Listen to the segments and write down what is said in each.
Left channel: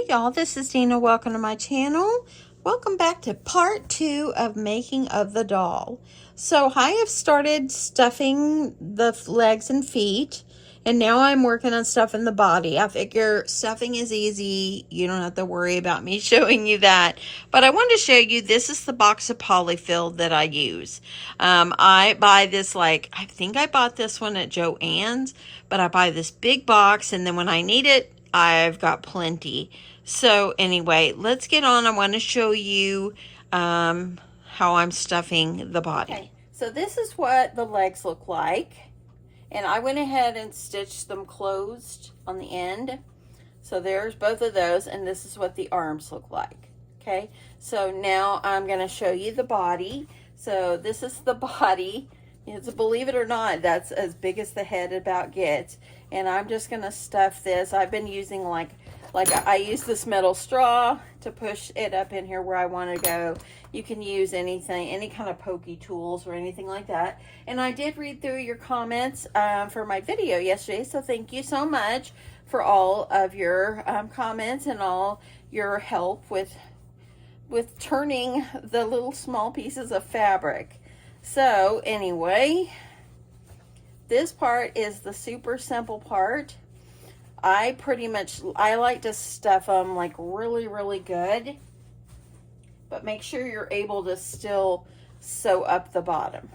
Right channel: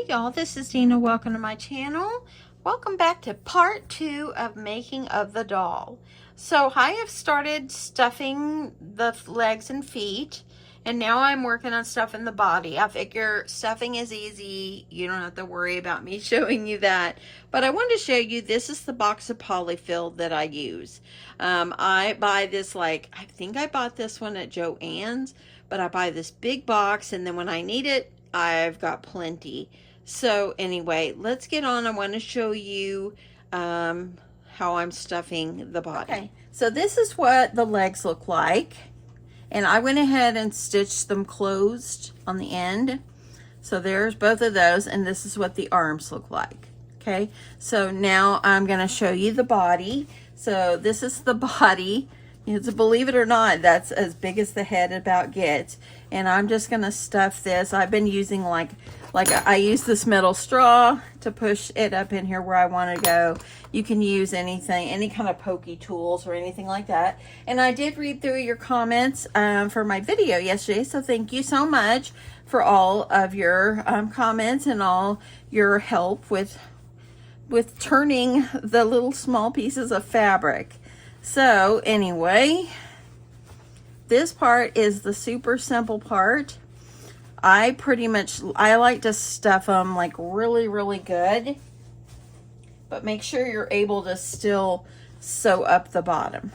Hey y'all, this is Deanna. Welcome to my channel. Welcome back to part 2 of making of the doll. So I have started stuffing the legs and feet, and now I'm working on stuffing the body. I figure stuffing is easy. You don't have to worry about me showing you that. But I wanted to show you, this is the box of polyfill that I use. I buy this, I think I bought this one at Joann's, but I buy this big box, and then when I need it, I've got plenty. So anyway, let's get on. I want to show you how I'm stuffing the body. Okay, so this is what the legs look like. And I went ahead and stitched them closed on the end. So there's both of those, and this is what the arms look like. Okay, so now I'm going to show you the body. So this is the body. It's, believe it or not, that's as big as the head about gets. And I'm just going to stuff this. I've been using I use this metal straw to push it up in here where I want to go. You can use anything, any kind of pokey tools or anything like that. And I did read through your comments for my video yesterday, so thank you so much for all of your comments and all your help with turning the little small pieces of fabric. So anyway, this part is the super simple part. I like to stuff them like really, really good, but make sure you're able to still sew up the bottom.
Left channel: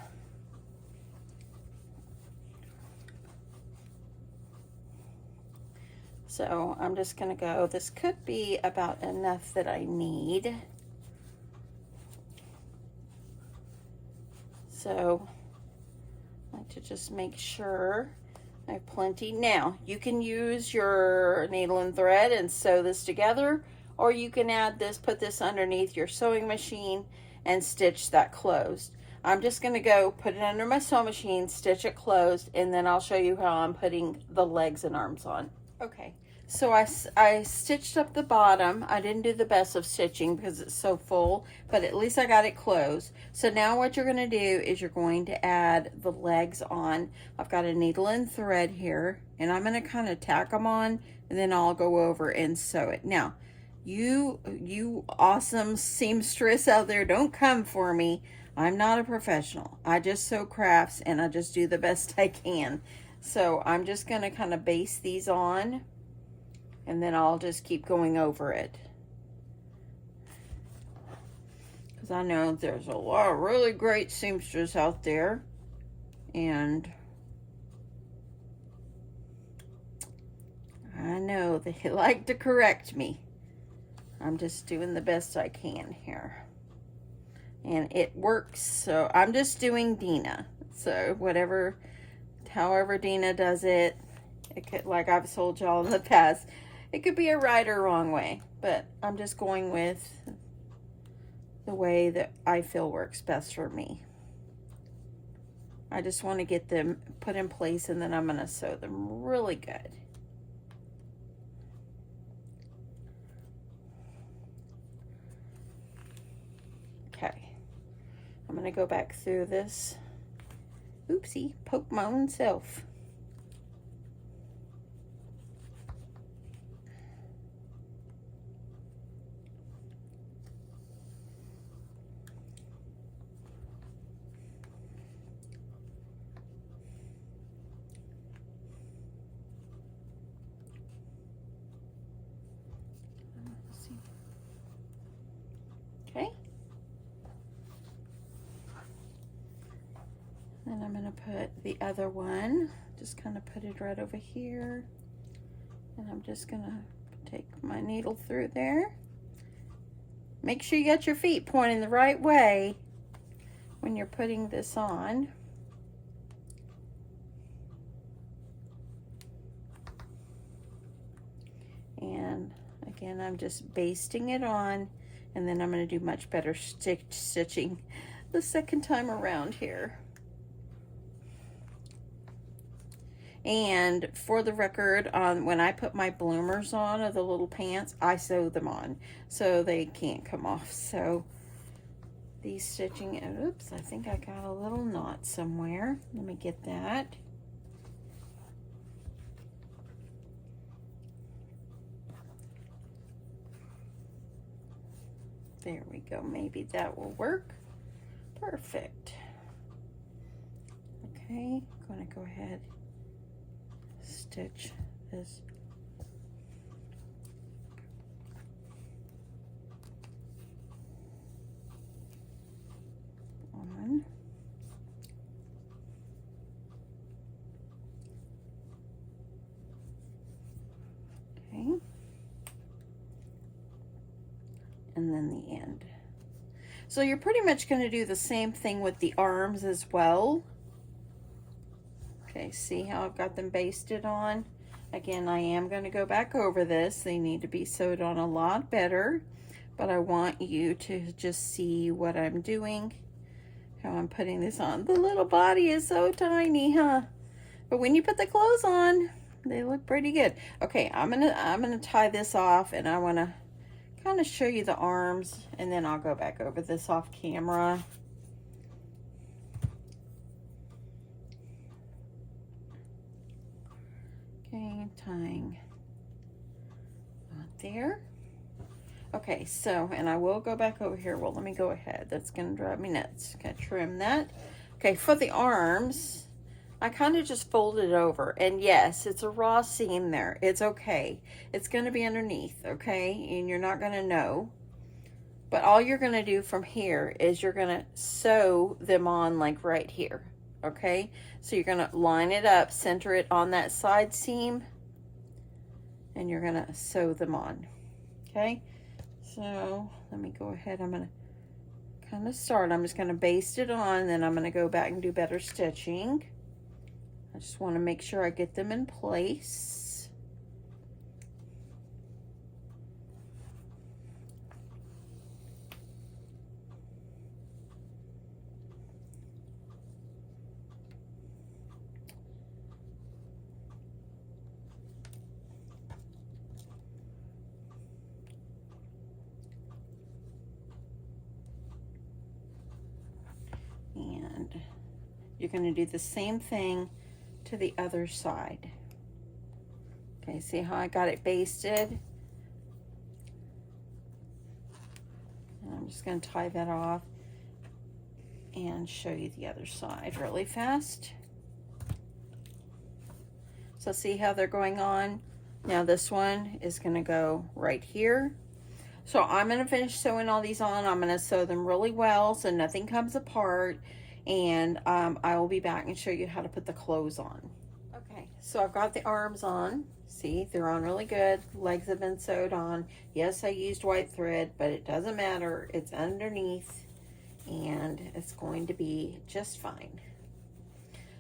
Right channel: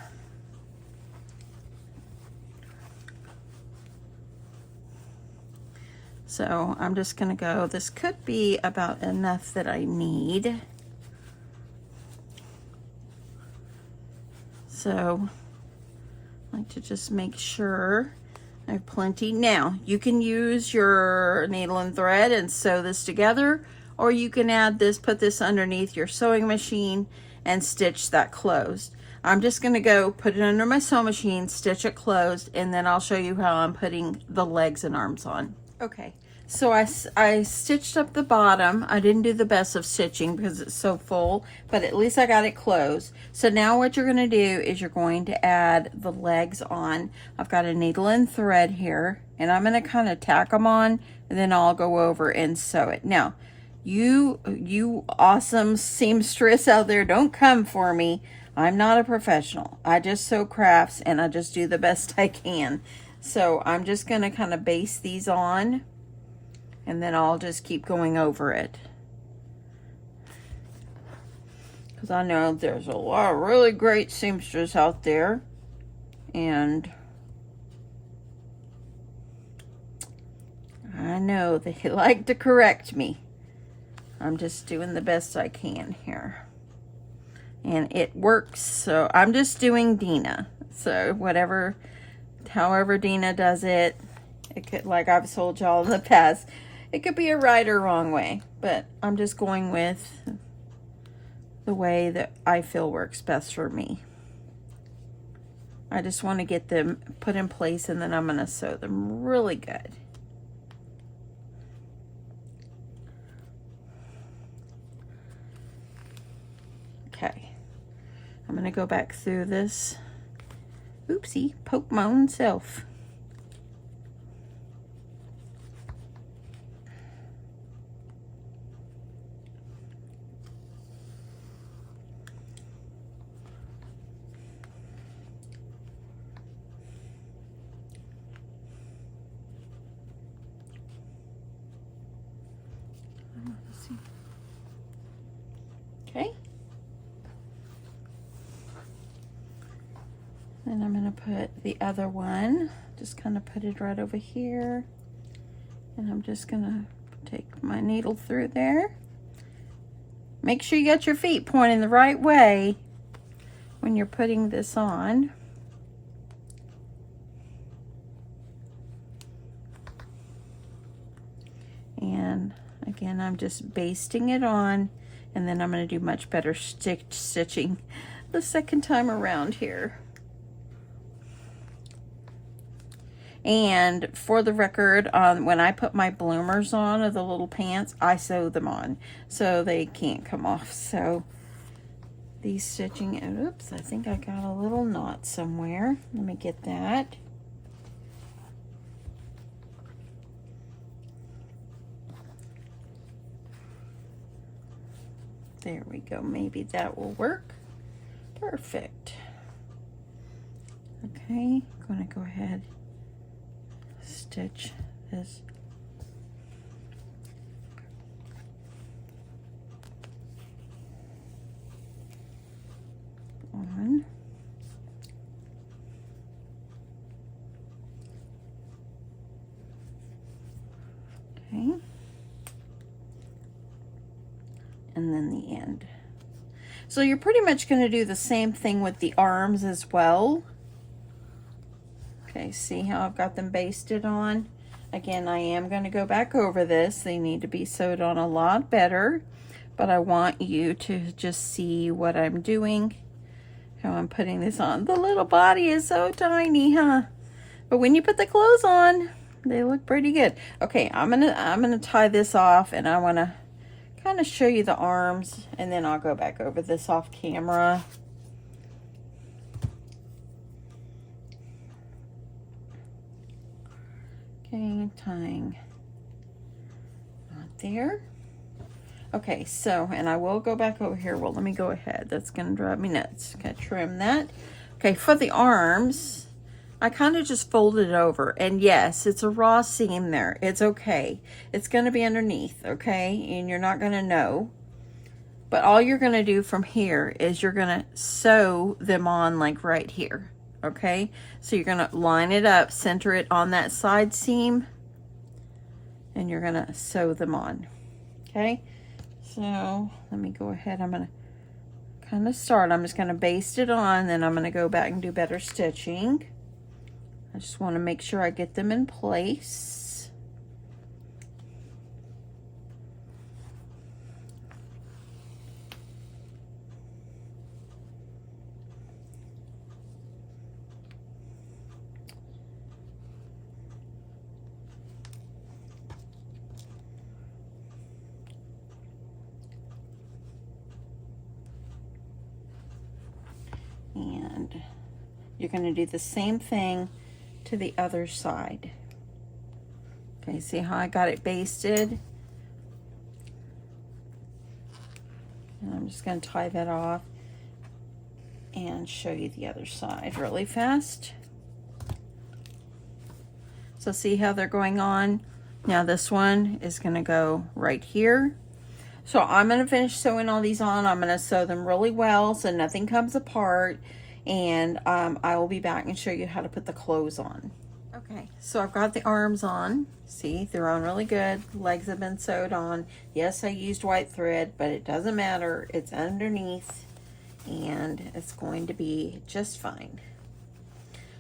So I'm just gonna go, this could be about enough that I need. So I like to just make sure I have plenty. Now, you can use your needle and thread and sew this together, or you can add this, put this underneath your sewing machine and stitch that closed. I'm just gonna go put it under my sewing machine, stitch it closed, and then I'll show you how I'm putting the legs and arms on. Okay, so I stitched up the bottom. I didn't do the best of stitching because it's so full, but at least I got it closed. So now what you're gonna do is you're going to add the legs on. I've got a needle and thread here, and I'm gonna kind of tack them on, and then I'll go over and sew it. Now, you awesome seamstress out there, don't come for me. I'm not a professional. I just sew crafts, and I just do the best I can. So I'm just gonna kind of base these on, and then I'll just keep going over it. Because I know there's a lot of really great seamsters out there, and I know they like to correct me. I'm just doing the best I can here. And it works, so I'm just doing Deanna. So however Deanna does it, it could, like I've told y'all in the past, it could be a right or wrong way, but I'm just going with the way that I feel works best for me. I just want to get them put in place, and then I'm going to sew them really good. Okay, I'm going to go back through this. Oopsie, poke my own self. Okay. Then I'm going to put the other one, just kind of put it right over here. And I'm just going to take my needle through there. Make sure you got your feet pointing the right way when you're putting this on. And again, I'm just basting it on, and then I'm going to do much better stitching the second time around here. And for the record, when I put my bloomers on, or the little pants, I sew them on so they can't come off. So these stitching, oops, I think I got a little knot somewhere. Let me get that. There we go. Maybe that will work. Perfect. Okay, I'm going to go ahead, stitch this. On. Okay. And then the end. So you're pretty much going to do the same thing with the arms as well. Okay, see how I've got them basted on? Again, I am going to go back over this. They need to be sewed on a lot better, but I want you to just see what I'm doing, how I'm putting this on. The little body is so tiny, huh? But when you put the clothes on, they look pretty good. Okay, I'm gonna tie this off, and I want to kind of show you the arms, and then I'll go back over this off camera. Okay, tying not there. Okay, so, and I will go back over here. Well, let me go ahead. That's gonna drive me nuts. Okay, trim that. Okay, for the arms, I kind of just folded it over, and yes, it's a raw seam there. It's okay. It's gonna be underneath, okay? And you're not gonna know. But all you're gonna do from here is you're gonna sew them on like right here, okay? So you're gonna line it up, center it on that side seam, and you're gonna sew them on, okay? So let me go ahead. I'm gonna kind of start. I'm just gonna baste it on, then I'm gonna go back and do better stitching. I just want to make sure I get them in place. And you're going to do the same thing to the other side. Okay, see how I got it basted? And I'm just going to tie that off and show you the other side really fast. So see how they're going on? Now this one is going to go right here. So I'm going to finish sewing all these on. I'm going to sew them really well so nothing comes apart, and I will be back and show you how to put the clothes on. Okay, so I've got the arms on. See, they're on really good. Legs have been sewed on. Yes, I used white thread, but it doesn't matter. It's underneath, and it's going to be just fine.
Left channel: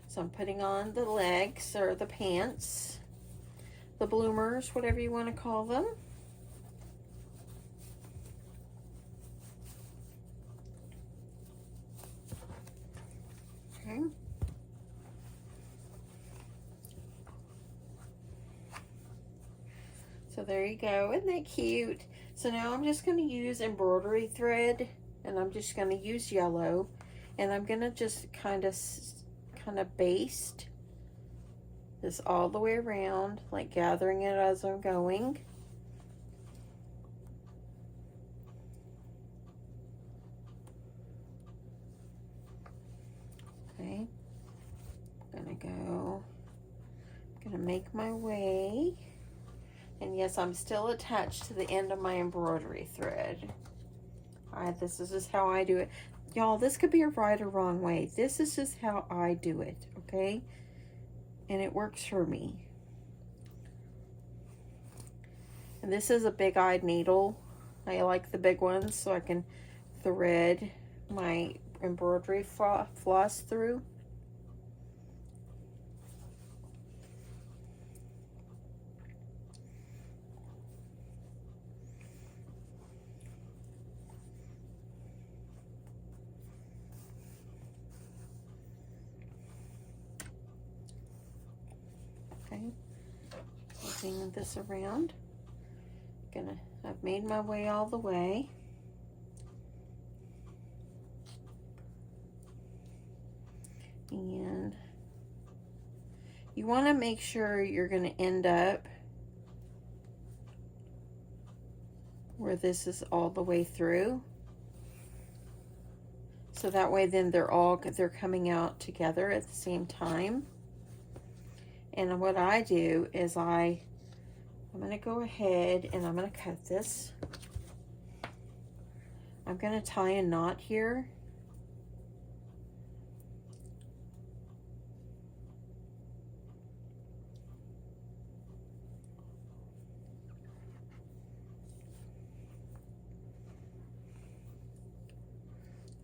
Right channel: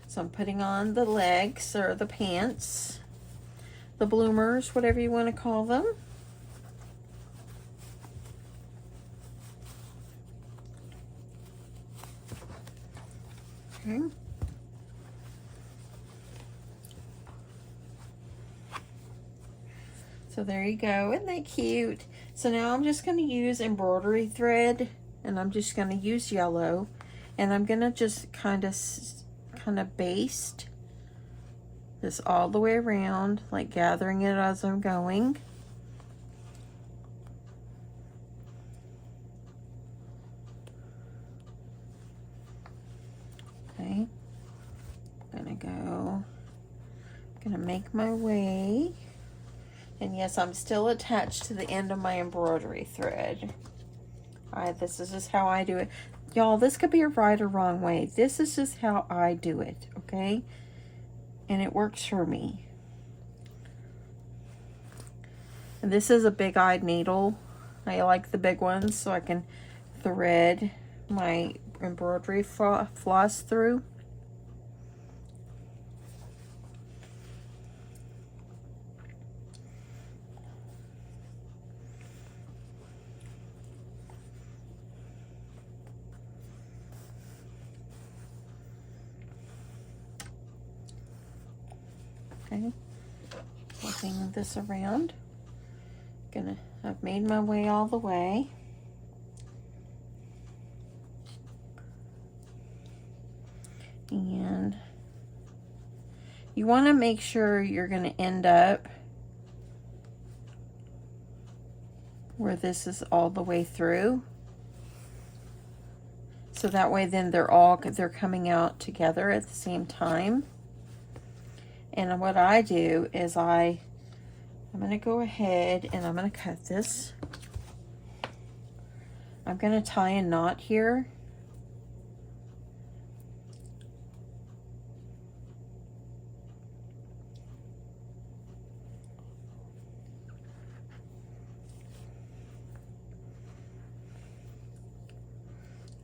So I'm putting on the legs, or the pants, the bloomers, whatever you want to call them. Okay. So there you go. Isn't that cute? So now I'm just going to use embroidery thread, and I'm just going to use yellow, and I'm going to just kind of baste this all the way around, like gathering it as I'm going. Okay, I'm gonna make my way, and yes, I'm still attached to the end of my embroidery thread. This is just how I do it. Y'all, this could be a right or wrong way. This is just how I do it, okay? And it works for me. And this is a big-eyed needle. I like the big ones so I can thread my embroidery floss through. Okay, moving this around. I've made my way all the way. And you want to make sure you're going to end up where this is all the way through. So that way then they're coming out together at the same time. And what I do is I'm going to go ahead and I'm going to cut this. I'm going to tie a knot here.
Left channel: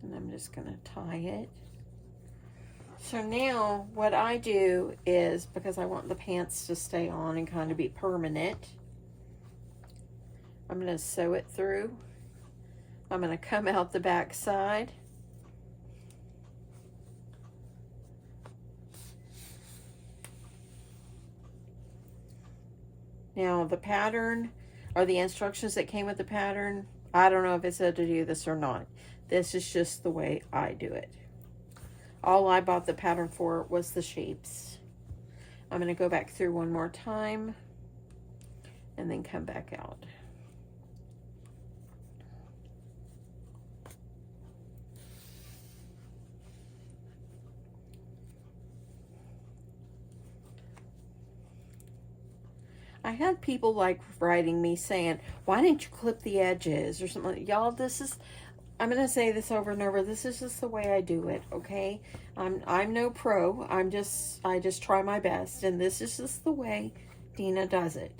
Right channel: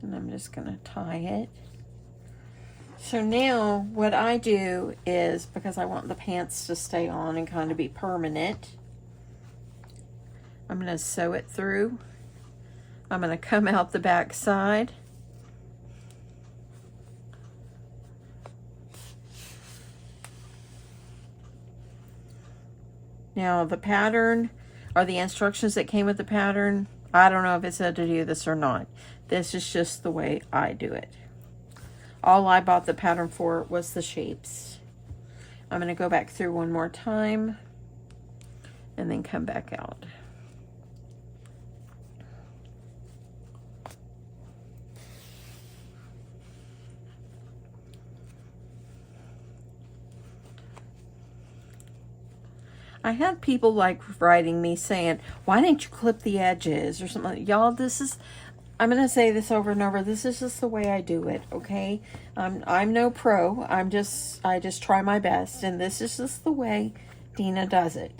And I'm just going to tie it. So now what I do is, because I want the pants to stay on and kind of be permanent, I'm going to sew it through. I'm going to come out the back side. Now the pattern, or the instructions that came with the pattern, I don't know if it said to do this or not. This is just the way I do it. All I bought the pattern for was the shapes. I'm going to go back through one more time and then come back out. I had people like writing me saying, why didn't you clip the edges or something? Y'all, this is, I'm going to say this over and over. This is just the way I do it, okay? I'm no pro. I just try my best. And this is just the way Deanna does it.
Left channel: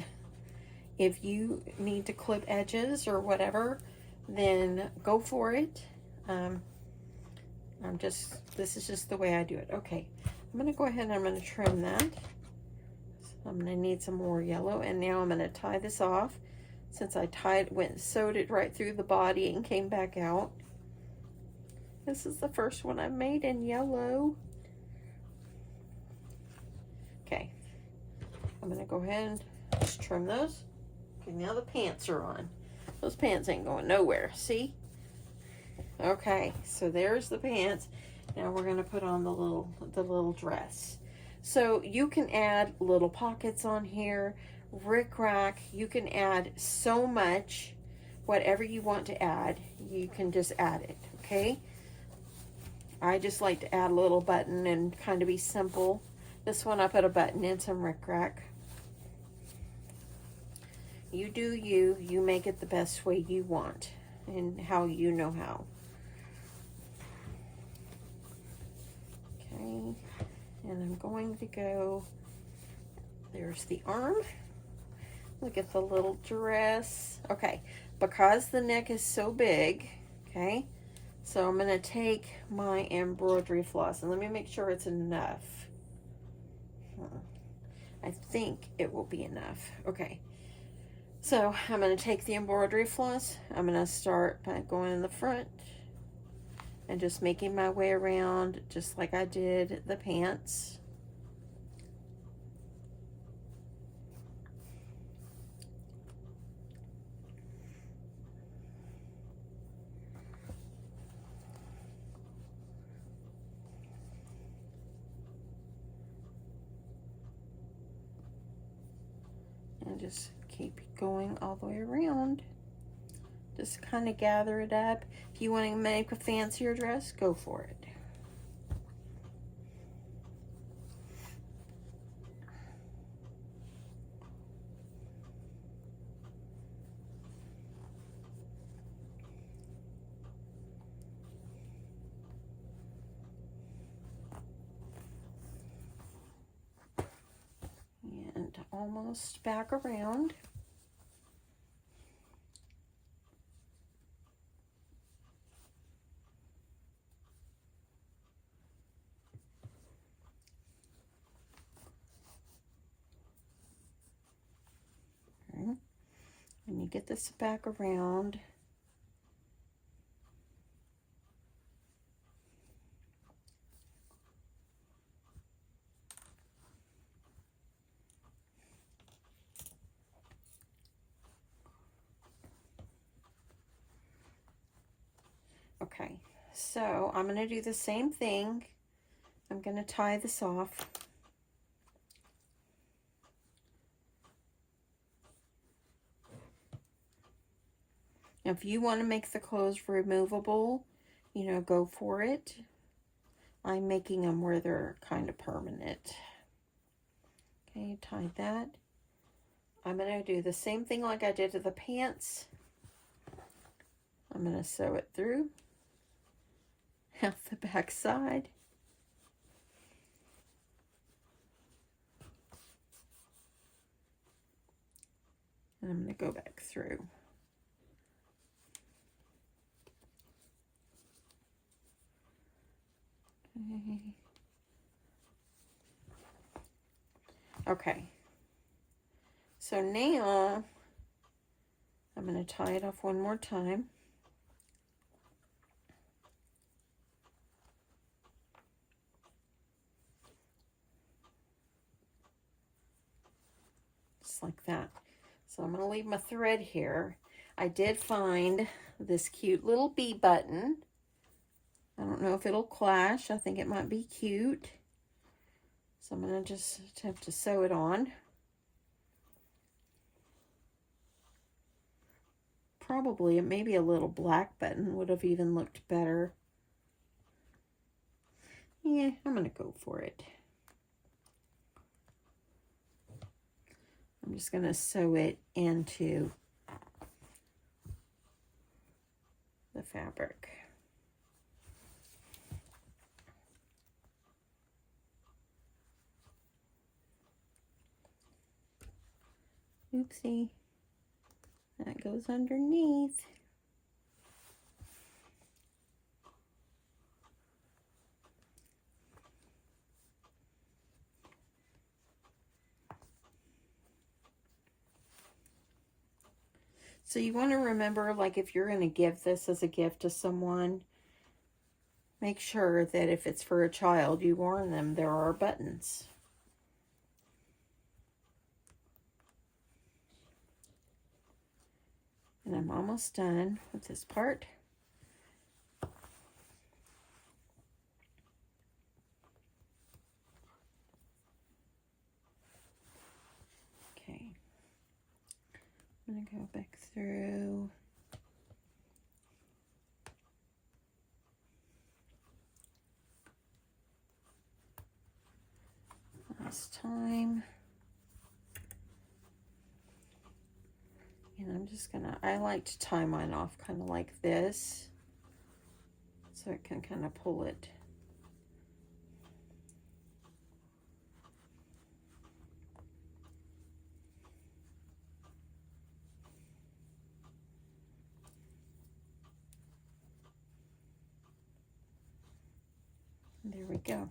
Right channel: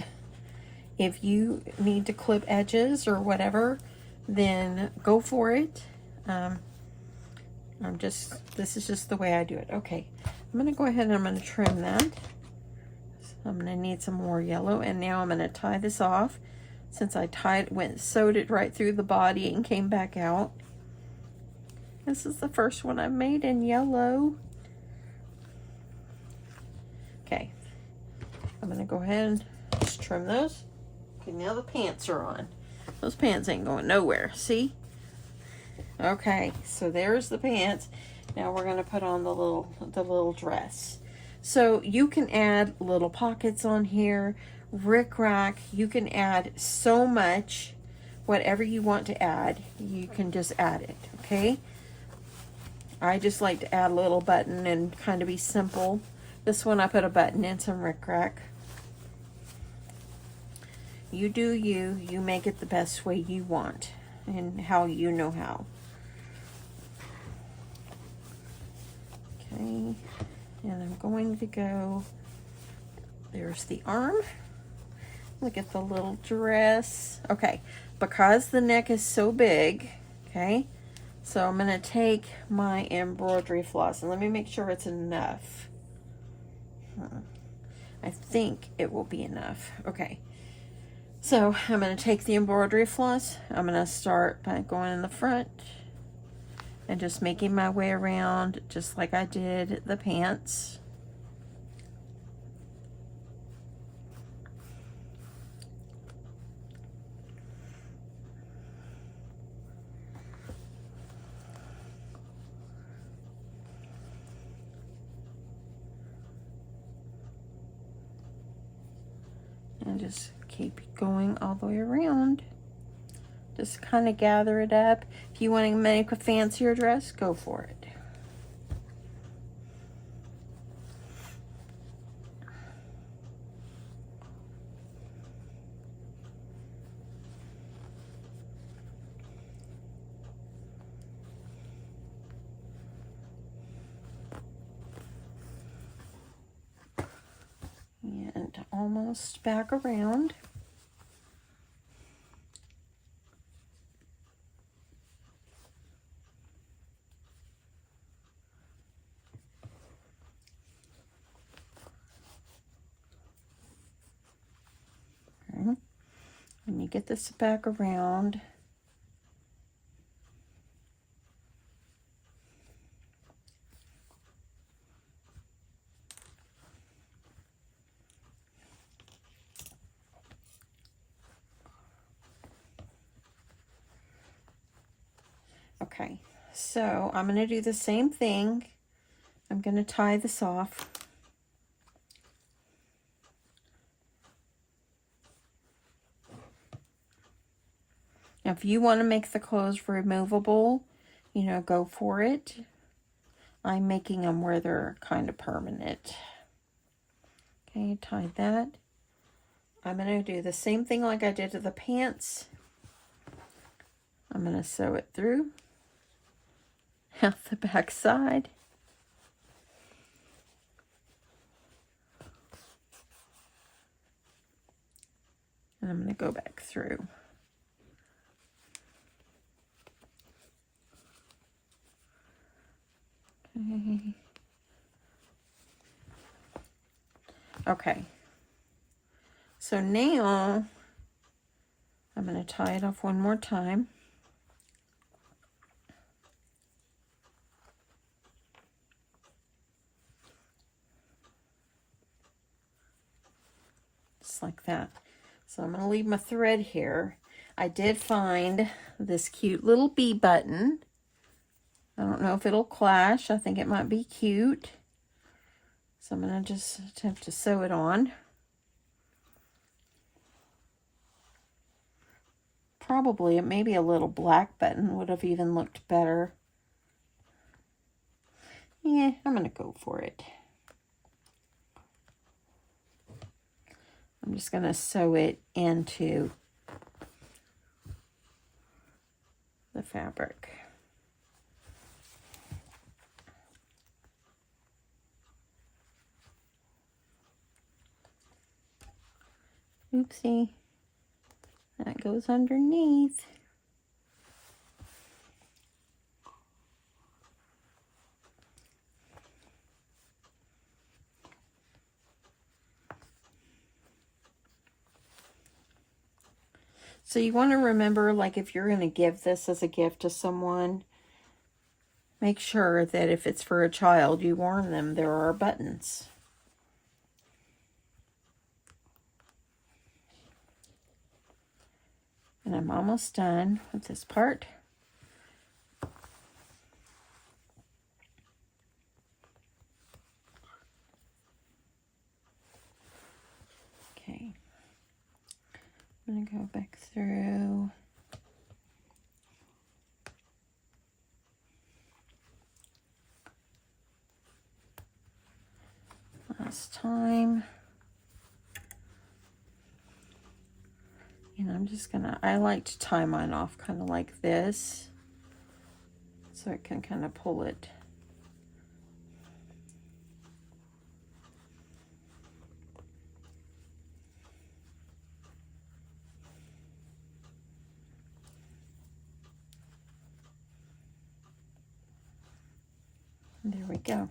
If you need to clip edges or whatever, then go for it. This is just the way I do it. Okay, I'm going to go ahead and I'm going to trim that. I'm going to need some more yellow, and now I'm going to tie this off. Since I sewed it right through the body and came back out. This is the first one I've made in yellow. Okay, I'm going to go ahead and just trim those. Okay, now the pants are on. Those pants ain't going nowhere, see? Okay, so there's the pants. Now we're going to put on the little dress. So you can add little pockets on here, rickrack. You can add so much, whatever you want to add, you can just add it, okay? I just like to add a little button and kind of be simple. This one I put a button in, some rickrack. You do you, you make it the best way you want and how you know how. Okay. And I'm going to go, there's the arm. Look at the little dress. Okay, because the neck is so big, okay, so I'm gonna take my embroidery floss and let me make sure it's enough. I think it will be enough. Okay, so I'm gonna take the embroidery floss. I'm gonna start by going in the front and just making my way around just like I did the pants. And just keep going all the way around. Just kind of gather it up. If you want to make a fancier dress, go for it. And almost back around. And you get this back around. Okay, so I'm going to do the same thing. I'm going to tie this off. Now, if you want to make the clothes removable, you know, go for it. I'm making them where they're kind of permanent. Okay, tie that. I'm going to do the same thing like I did to the pants. I'm going to sew it through out the back side. And I'm going to go back through. Okay. So now I'm going to tie it off one more time. Just like that. So I'm going to leave my thread here. I did find this cute little bee button. I don't know if it'll clash. I think it might be cute. So I'm going to just have to sew it on. Probably, maybe a little black button would have even looked better. Yeah, I'm going to go for it. I'm just going to sew it into the fabric. Oopsie. That goes underneath. So you want to remember, like if you're going to give this as a gift to someone, make sure that if it's for a child, you warn them there are buttons. And I'm almost done with this part. Okay. I'm going to go back through. Last time. And I'm just gonna, I like to tie mine off kind of like this, so I can kind of pull it. There we go.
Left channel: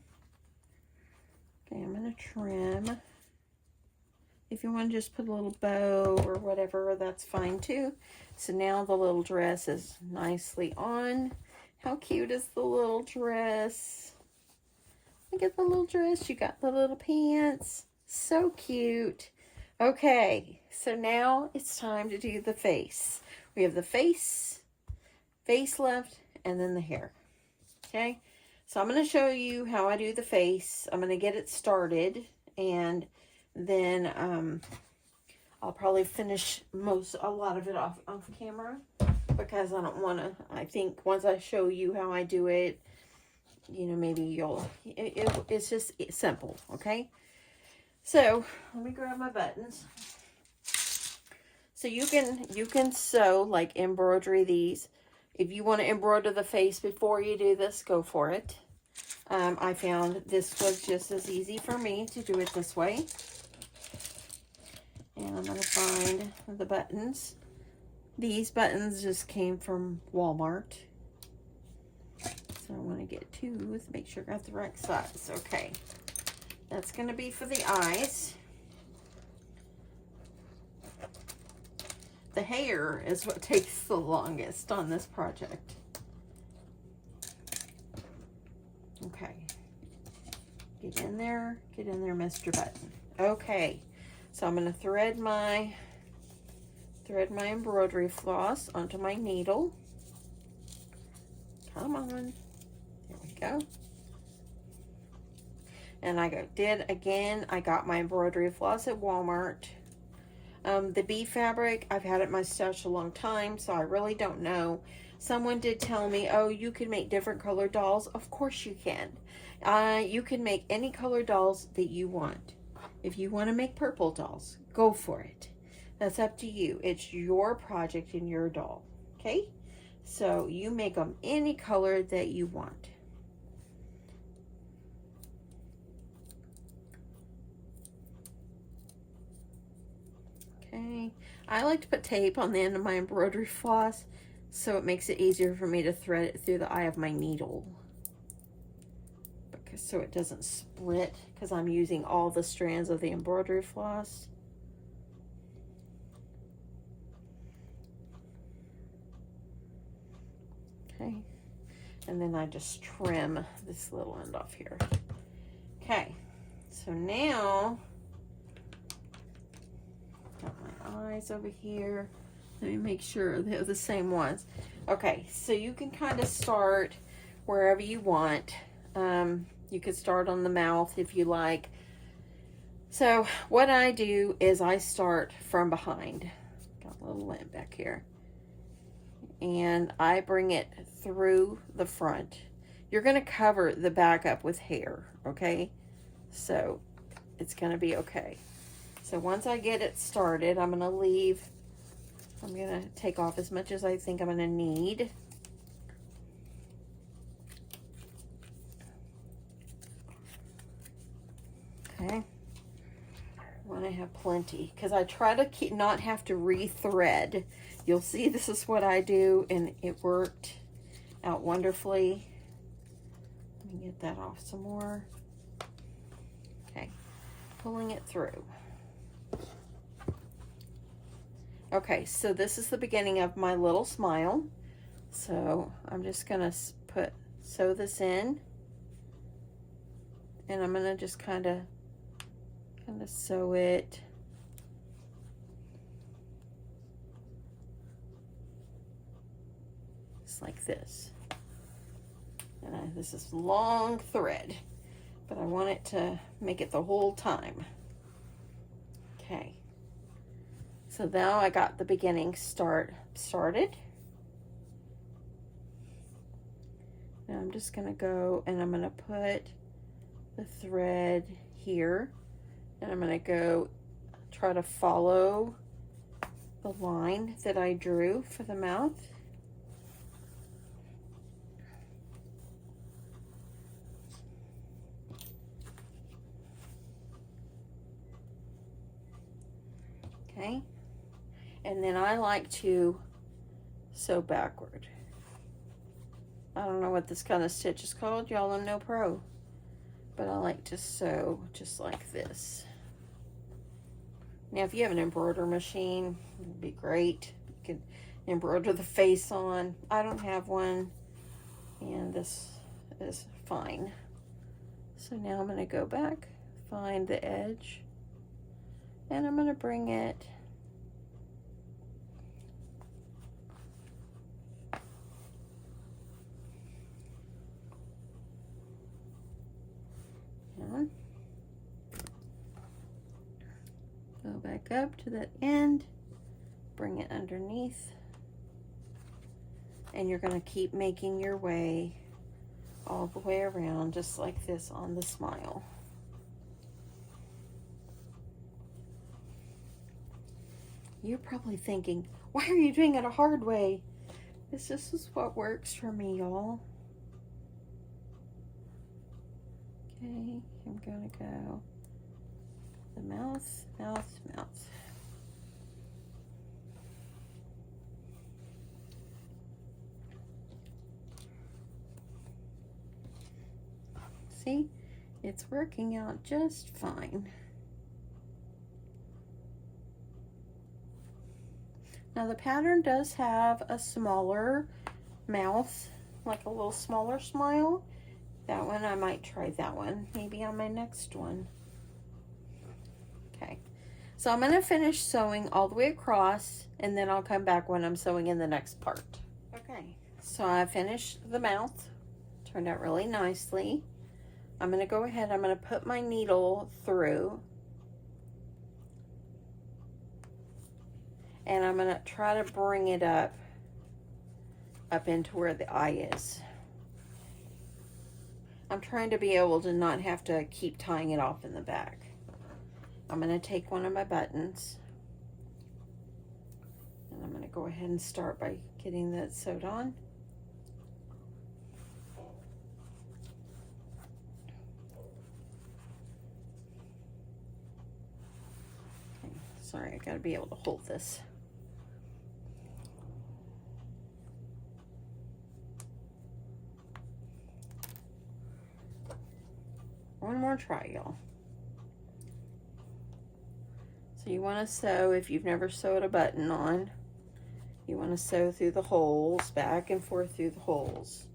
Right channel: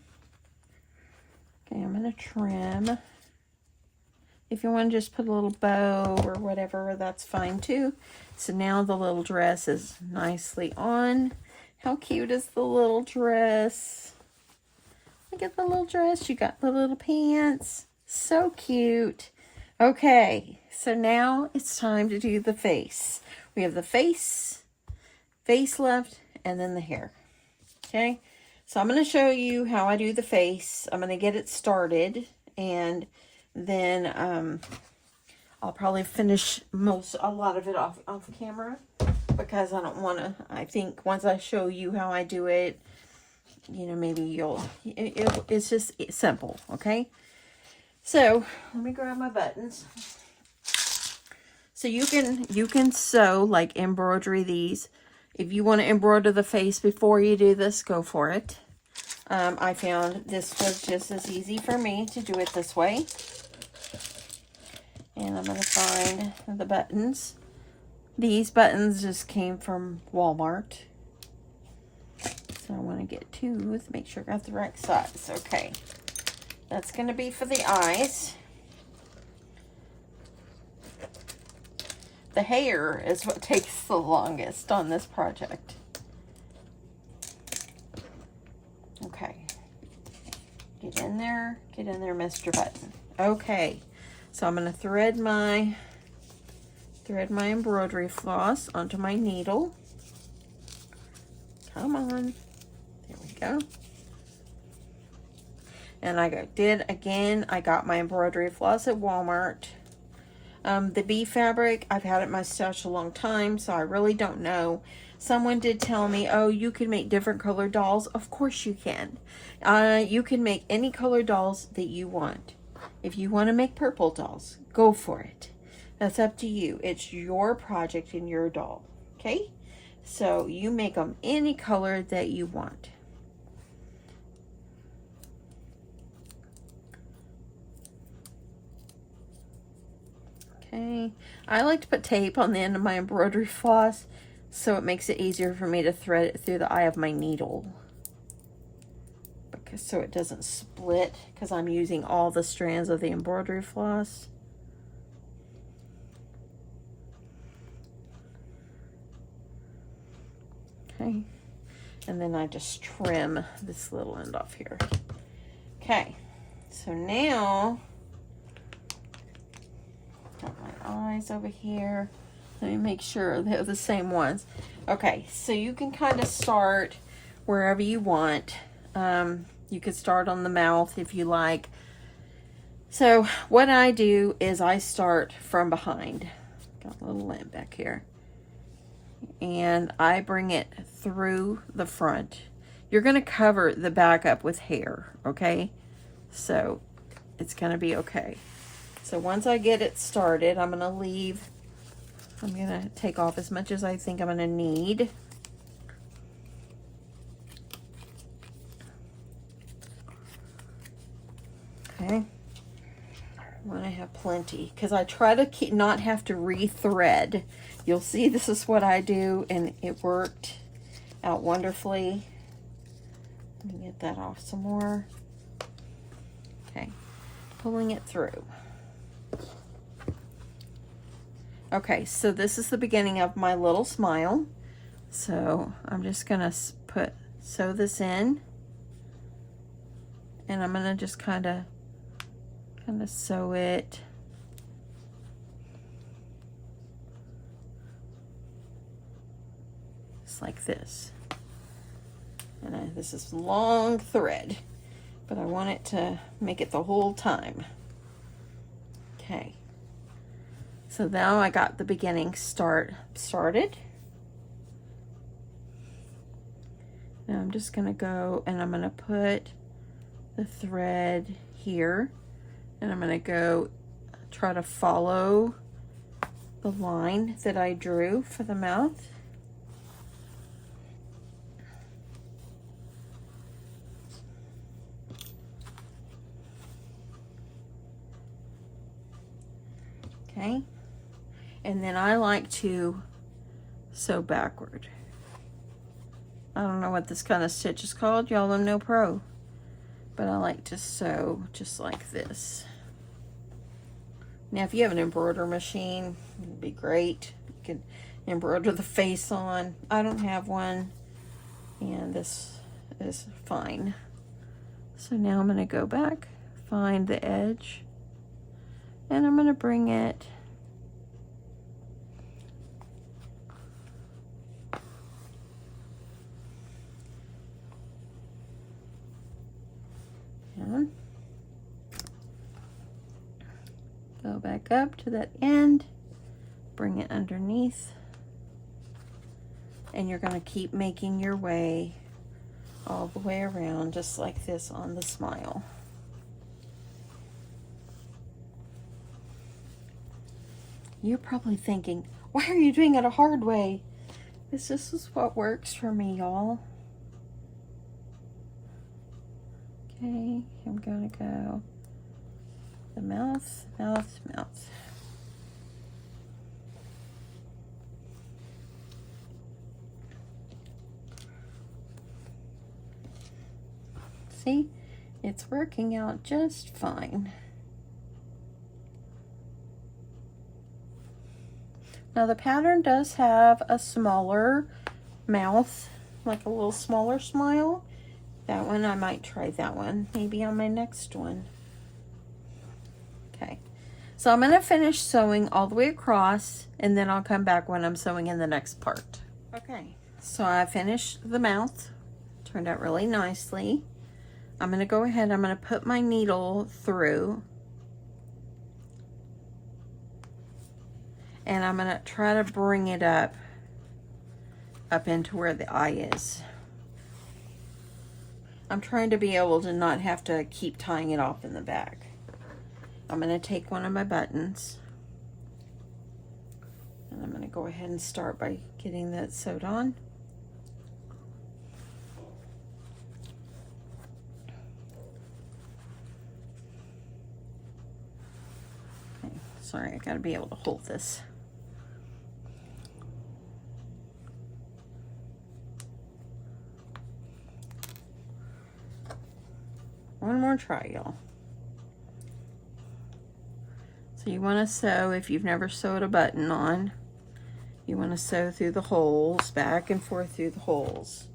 Okay, I'm gonna trim. If you want to just put a little bow or whatever, that's fine too. So now the little dress is nicely on. How cute is the little dress? Look at the little dress. You got the little pants. So cute. Okay, so now it's time to do the face. We have the face left, and then the hair. Okay, so I'm going to show you how I do the face. I'm going to get it started, and then I'll probably finish a lot of it off camera, because I don't want to, I think once I show you how I do it, you know, maybe it's just simple. Okay, so let me grab my buttons. So you can sew, like embroidery these. If you want to embroider the face before you do this, go for it. I found this was just as easy for me to do it this way. And I'm going to find the buttons. These buttons just came from Walmart. So I want to get two to make sure I got the right size. Okay. That's going to be for the eyes. The hair is what takes the longest on this project. Okay. Get in there, Mr. Button. Okay. So I'm going to thread my embroidery floss onto my needle. Come on. There we go. And I got my embroidery floss at Walmart. The bee fabric, I've had it in my stash a long time, so I really don't know. Someone did tell me, oh, you can make different colored dolls. Of course you can. You can make any colored dolls that you want. If you want to make purple dolls, go for it. That's up to you. It's your project and your doll, okay? So you make them any color that you want. Okay, I like to put tape on the end of my embroidery floss so it makes it easier for me to thread it through the eye of my needle. Because so it doesn't split, because I'm using all the strands of the embroidery floss. Okay, and then I just trim this little end off here. Okay, so now got my eyes over here. Let me make sure they're the same ones. Okay, so you can kind of start wherever you want. You could start on the mouth if you like. So what I do is I start from behind. Got a little lint back here. And I bring it through the front. You're going to cover the back up with hair, okay? So it's going to be okay. So once I get it started, I'm going to take off as much as I think I'm going to need. Okay. I want to have plenty because I try to not have to re-thread. You'll see this is what I do, and it worked out wonderfully. Let me get that off some more. Okay, pulling it through. Okay, so this is the beginning of my little smile. So I'm just gonna sew this in, and I'm gonna just kind of sew it. Just like this. And this is long thread, but I want it to make it the whole time. Okay. So now I got the beginning started. Now I'm just gonna go and I'm gonna put the thread here, and I'm gonna go try to follow the line that I drew for the mouth. Okay. And then I like to sew backward. I don't know what this kind of stitch is called. Y'all are no pro. But I like to sew just like this. Now, if you have an embroider machine, it'd be great. You could embroider the face on. I don't have one, and this is fine. So now I'm gonna go back, find the edge, and I'm gonna bring it down. Go back up to that end, bring it underneath, and you're going to keep making your way all the way around just like this on the smile. You're probably thinking, why are you doing it a hard way? This is what works for me, y'all. Okay, I'm gonna go the mouth, mouth, mouth. See, it's working out just fine. Now the pattern does have a smaller mouth, like a little smaller smile. That one, I might try that one, maybe on my next one. Okay, so I'm gonna finish sewing all the way across, and then I'll come back when I'm sewing in the next part. Okay, so I finished the mouth, turned out really nicely. I'm gonna go ahead, I'm gonna put my needle through, and I'm gonna try to bring it up up into where the eye is. I'm trying to be able to not have to keep tying it off in the back. I'm going to take one of my buttons, and I'm going to go ahead and start by getting that sewed on. Okay, sorry, I got to be able to hold this. One more try, y'all. So you want to sew, if you've never sewed a button on, you want to sew through the holes, back and forth through the holes.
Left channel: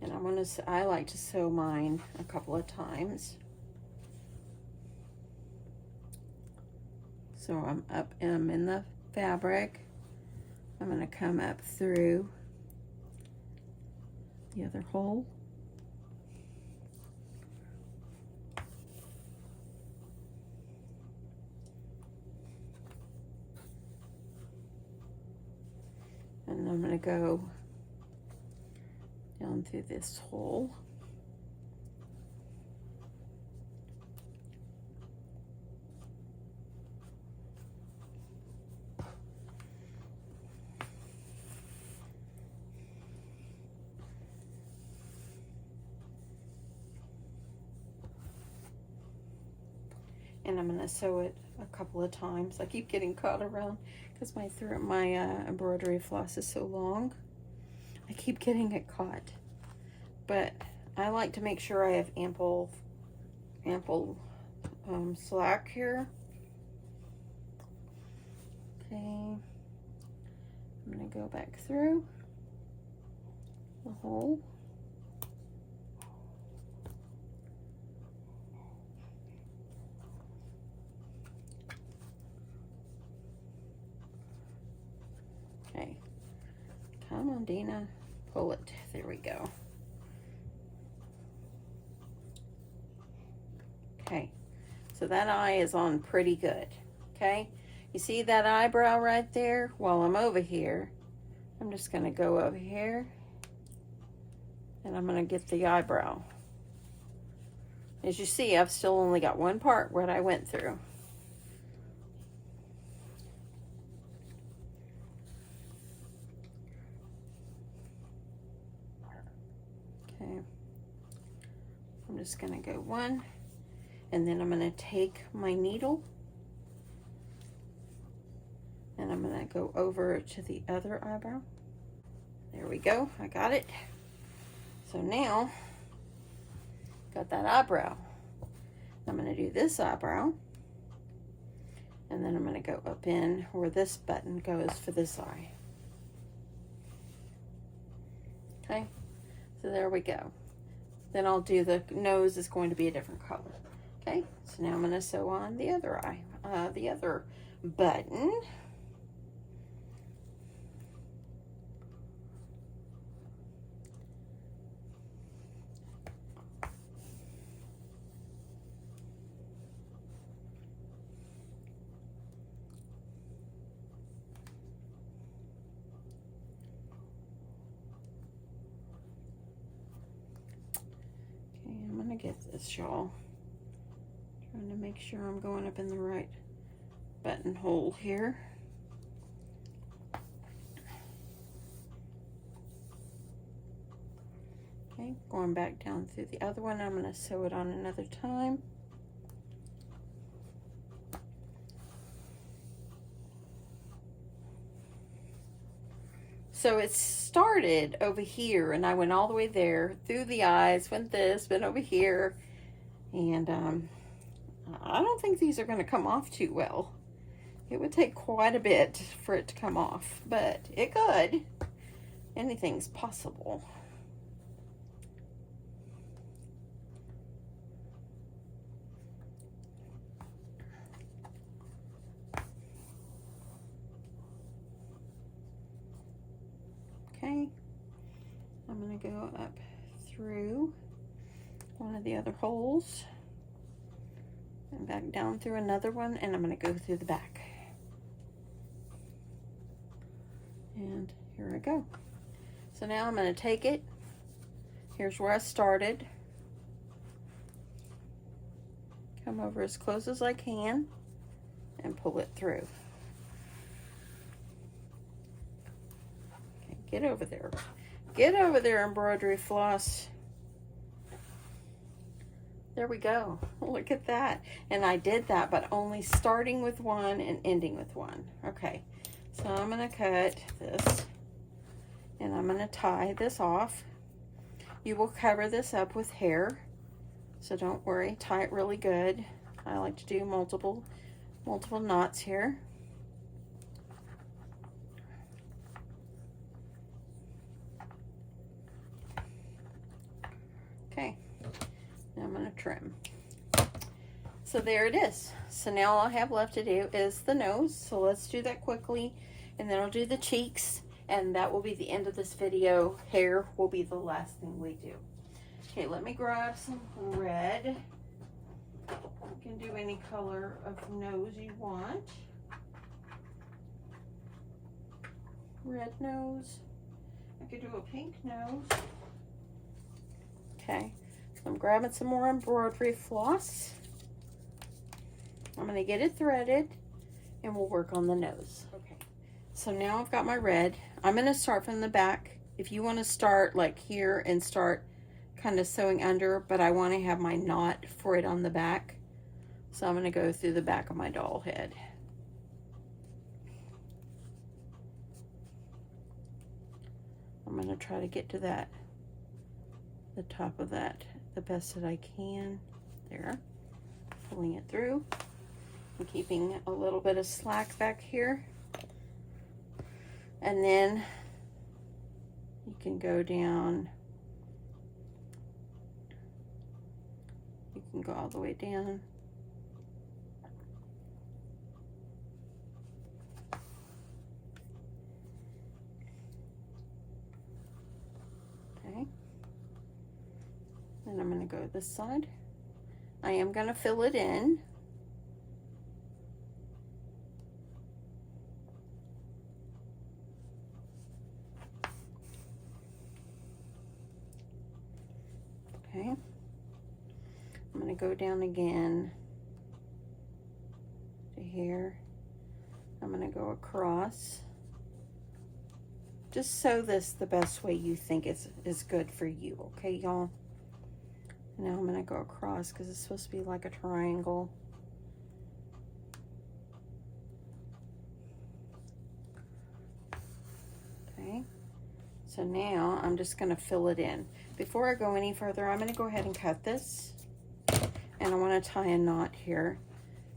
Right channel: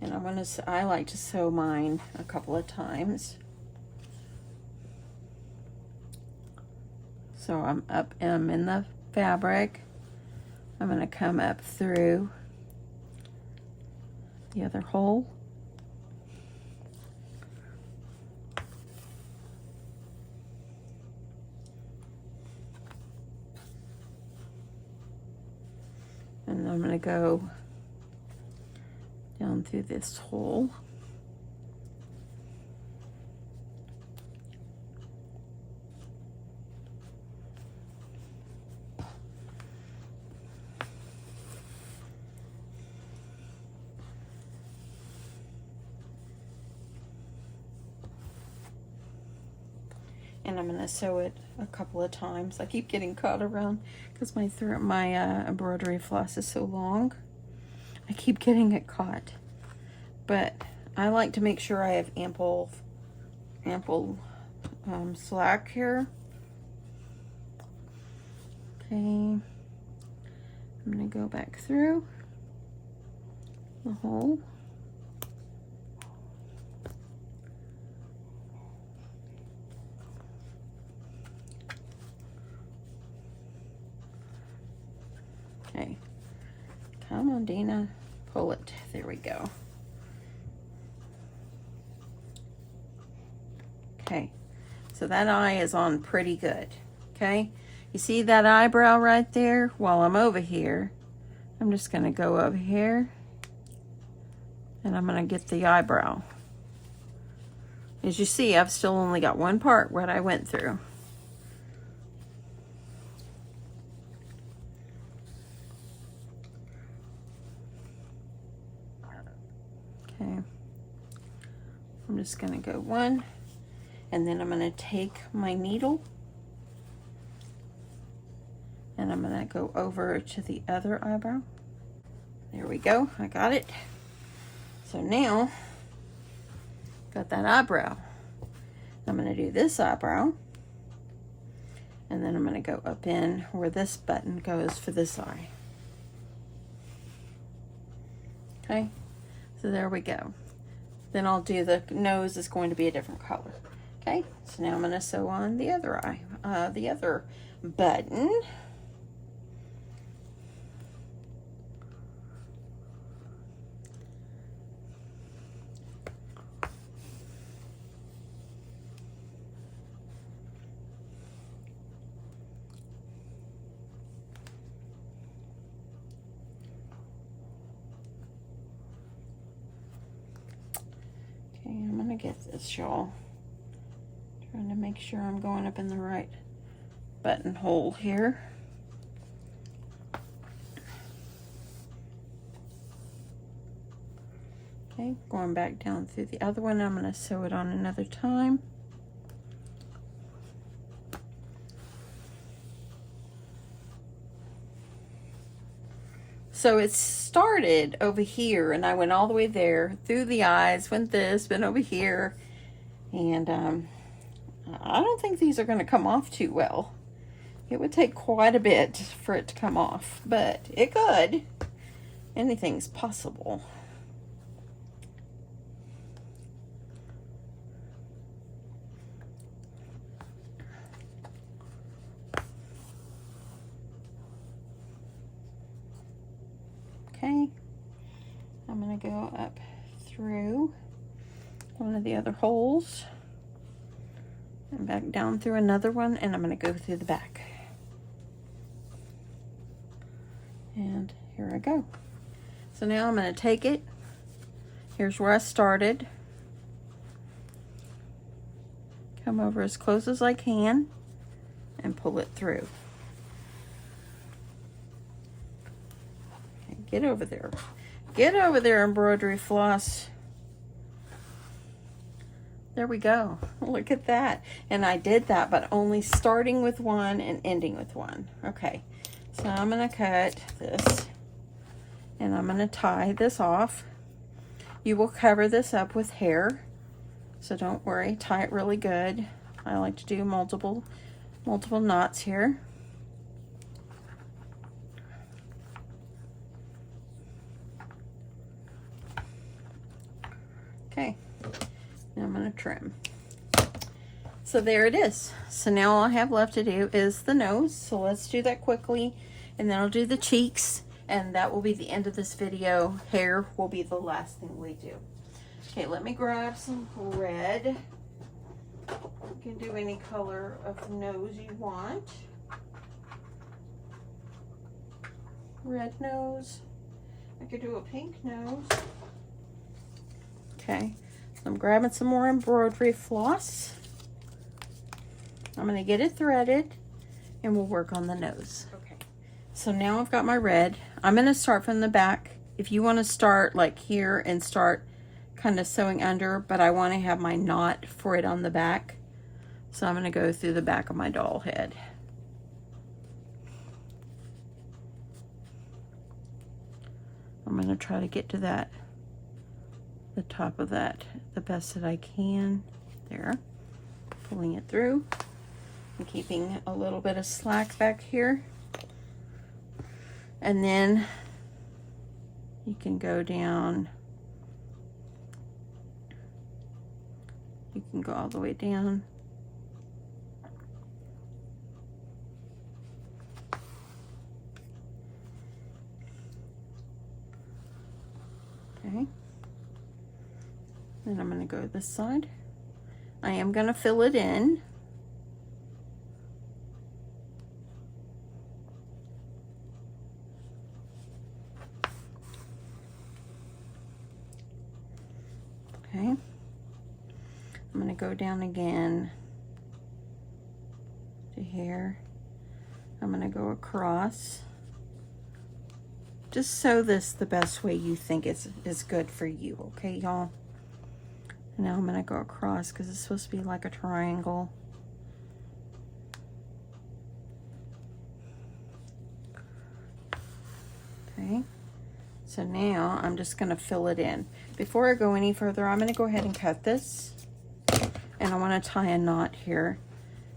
And I like to sew mine a couple of times. So I'm in the fabric. I'm going to come up through the other hole. And I'm going to go down through this hole. And I'm going to sew it a couple of times. I keep getting caught around because my embroidery floss is so long. I keep getting it caught. But I like to make sure I have ample slack here. Okay, I'm going to go back through the hole. Okay, come on, Deanna, pull it. There we go. Okay, so that eye is on pretty good. Okay, you see that eyebrow right there? While I'm over here, I'm just going to go over here and I'm going to get the eyebrow. As you see, I've still only got one part what I went through. Okay, I'm just going to go one, and then I'm going to take my needle and I'm going to go over to the other eyebrow. There we go, I got it. So now, got that eyebrow. I'm going to do this eyebrow, and then I'm going to go up in where this button goes for this eye. Okay, so there we go. Then I'll do the nose is going to be a different color. Okay, so now I'm going to sew on the other eye, the other button. Get this, y'all. Trying to make sure I'm going up in the right buttonhole here. Okay, going back down through the other one. I'm going to sew it on another time. So it started over here, and I went all the way there, through the eyes, went over here, and I don't think these are going to come off too well. It would take quite a bit for it to come off, but it could. Anything's possible. Okay, I'm going to go up through one of the other holes and back down through another one, and I'm going to go through the back. And here I go. So now I'm going to take it. Here's where I started. Come over as close as I can and pull it through. Okay, get over there. Get over there, embroidery floss. There we go. Look at that. And I did that, but only starting with one and ending with one. Okay, so I'm going to cut this and I'm going to tie this off. You will cover this up with hair, so don't worry, tie it really good. I like to do multiple knots here. Okay, now I'm going to trim. So there it is. So now all I have left to do is the nose. So let's do that quickly, and then I'll do the cheeks, and that will be the end of this video. Hair will be the last thing we do. Okay, let me grab some red. You can do any color of nose you want. Red nose. I could do a pink nose. Okay, so I'm grabbing some more embroidery floss. I'm going to get it threaded and we'll work on the nose. Okay, so now I've got my red. I'm going to start from the back. If you want to start like here and start kind of sewing under, but I want to have my knot for it on the back. So I'm going to go through the back of my doll head. I'm going to try to get to that, the top of that, the best that I can. There, pulling it through and keeping a little bit of slack back here. And then you can go down, you can go all the way down. Okay. Then I'm going to go this side. I am going to fill it in. Okay. I'm going to go down again to here. I'm going to go across. Just sew this the best way you think is good for you, okay, y'all? Now I'm going to go across because it's supposed to be like a triangle. Okay, so now I'm just going to fill it in. Before I go any further, I'm going to go ahead and cut this. And I want to tie a knot here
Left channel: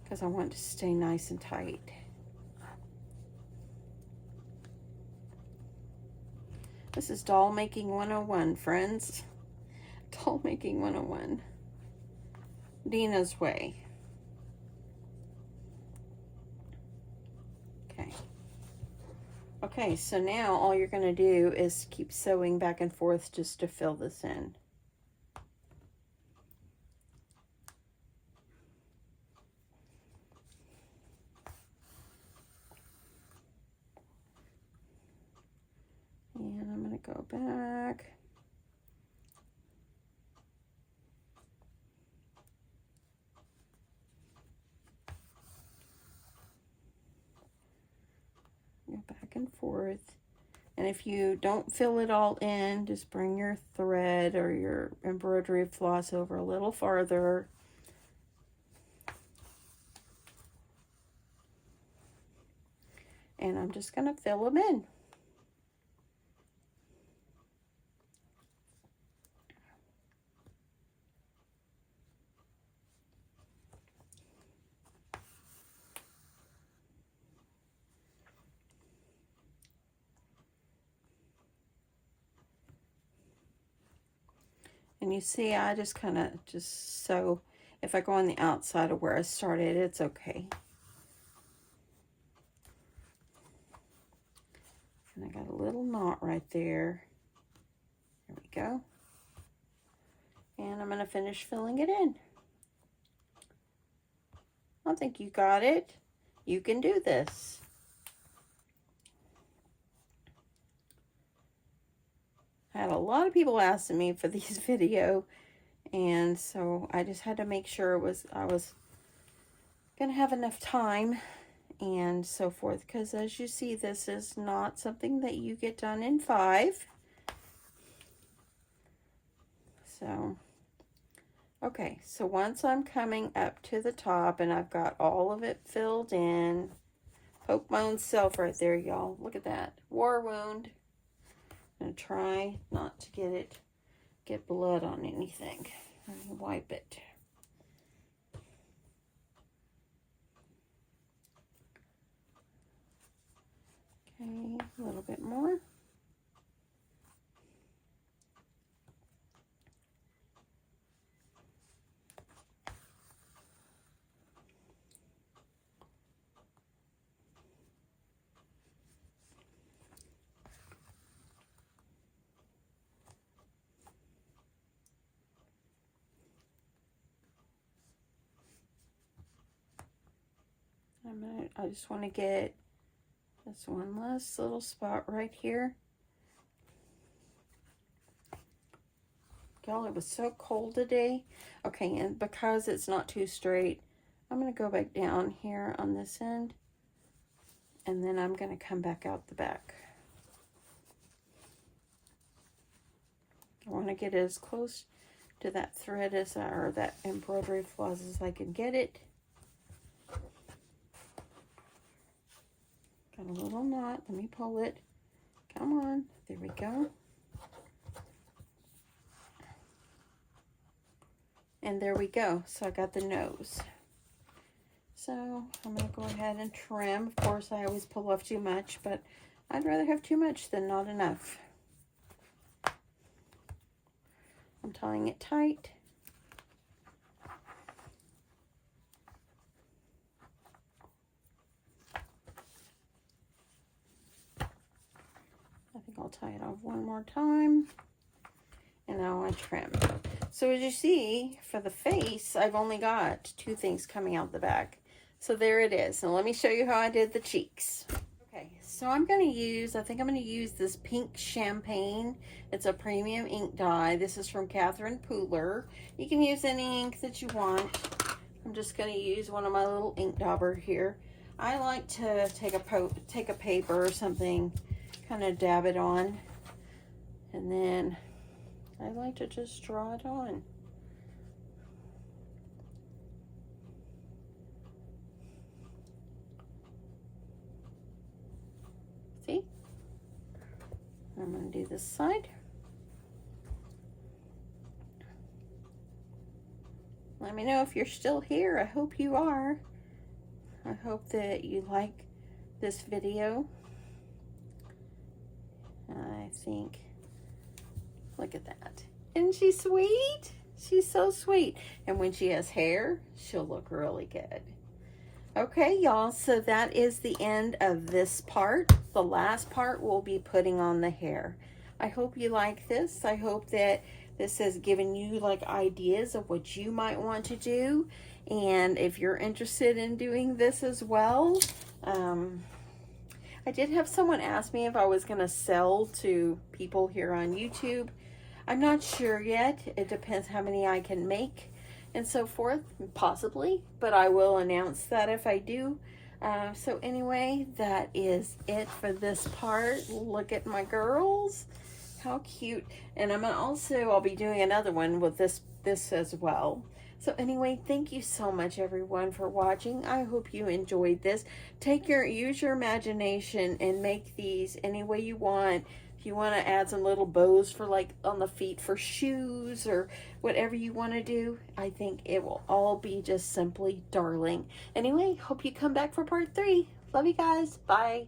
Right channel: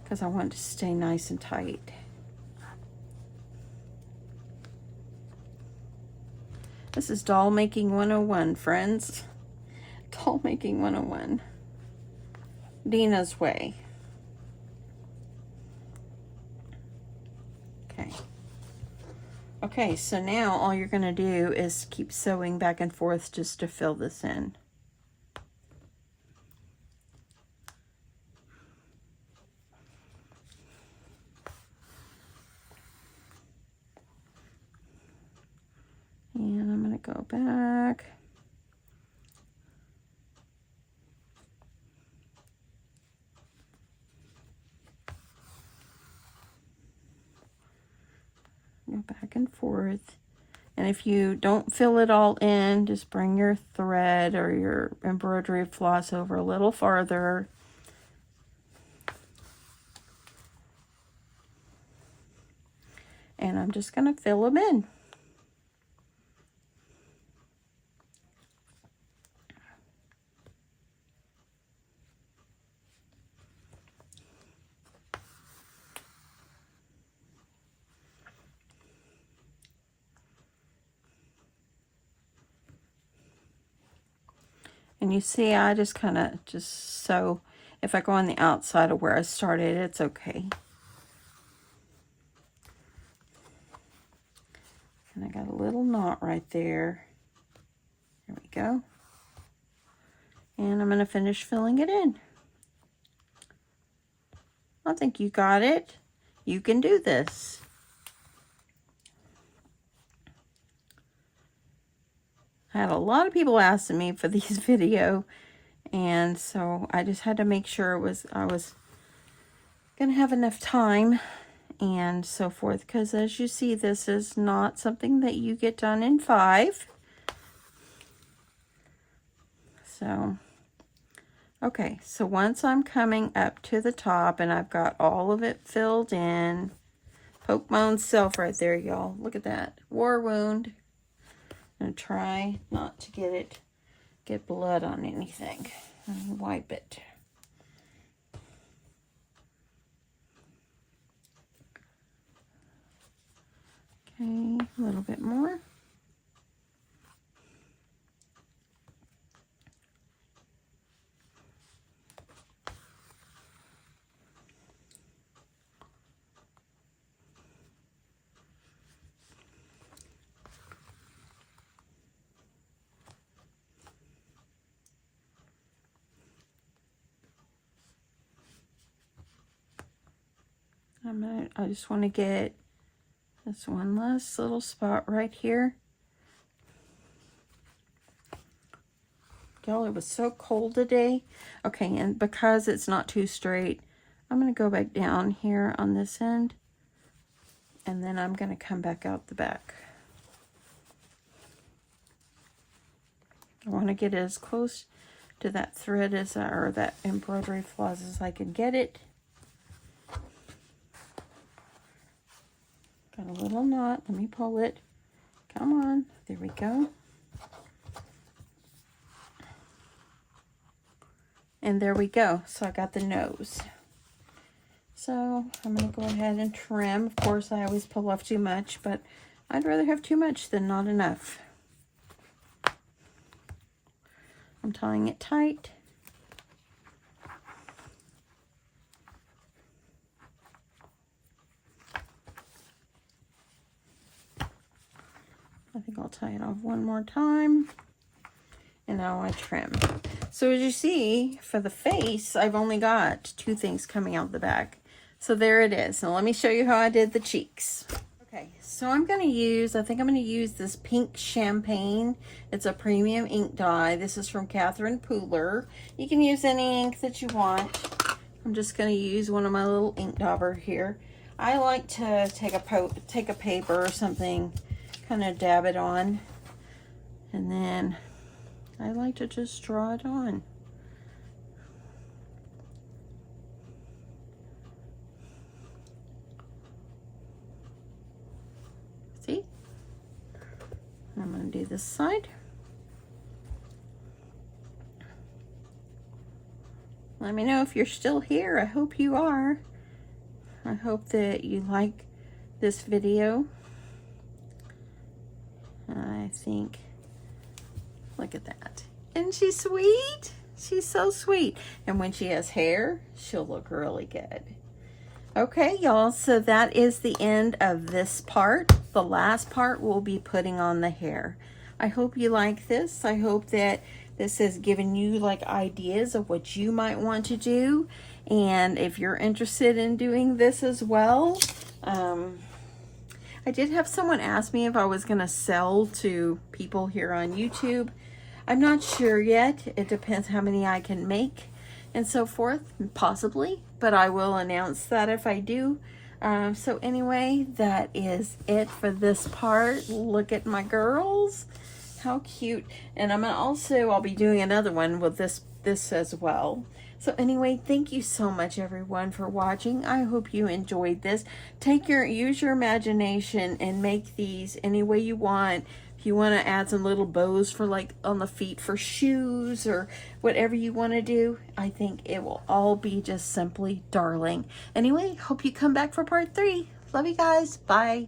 because I want it to stay nice and tight. This is doll making 101, friends. Doll making 101. Deanna's way. Okay. Okay, so now all you're going to do is keep sewing back and forth just to fill this in. And I'm going to go back. Go back and forth. And if you don't fill it all in, just bring your thread or your embroidery floss over a little farther. And I'm just going to fill them in. And you see, I just kind of just sew. If I go on the outside of where I started, it's okay. And I got a little knot right there. There we go. And I'm going to finish filling it in. I think you got it. You can do this. I had a lot of people asking me for these video, and so I just had to make sure I was gonna have enough time and so forth, because as you see, this is not something that you get done in 5. So okay, so once I'm coming up to the top and I've got all of it filled in, poke my own self right there, y'all. Look at that war wound. I'm gonna try not to get blood on anything. Let me wipe it. Okay, a little bit more. I just want to get this one last little spot right here. Y'all, it was so cold today. Okay, and because it's not too straight, I'm going to go back down here on this end, and then I'm going to come back out the back. I want to get as close to that thread or that embroidery floss as I can get it. Got a little knot. Let me pull it. Come on. There we go. And there we go. So I got the nose. So I'm going to go ahead and trim. Of course, I always pull off too much, but I'd rather have too much than not enough. I'm tying it tight. I think I'll tie it off one more time. And now I trim. So as you see, for the face, I've only got 2 things coming out the back. So there it is. Now let me show you how I did the cheeks. Okay, so I'm going to use, I think I'm going to use this pink champagne. It's a premium ink dye. This is from Catherine Pooler. You can use any ink that you want. I'm just going to use one of my little ink dauber here. I like to take a paper or something, kind of dab it on, and then I like to just draw it on. See? I'm going to do this side. Let me know if you're still here. I hope you are. I hope that you like this video. I think, look at that. Isn't she sweet? She's so sweet. And when she has hair, she'll look really good. Okay, y'all, so that is the end of this part. The last part we'll be putting on the hair. I hope you like this. I hope that this has given you like ideas of what you might want to do. And if you're interested in doing this as well, I did have someone ask me if I was going to sell to people here on YouTube. I'm not sure yet. It depends how many I can make and so forth, possibly, but I will announce that if I do. So anyway, that is it for this part. Look at my girls. How cute. And I'll be doing another one with this as well. So anyway, thank you so much everyone for watching. I hope you enjoyed this. Use your imagination and make these any way you want. If you want to add some little bows for like on the feet for shoes or whatever you want to do, I think it will all be just simply darling. Anyway, hope you come back for part 3. Love you guys. Bye.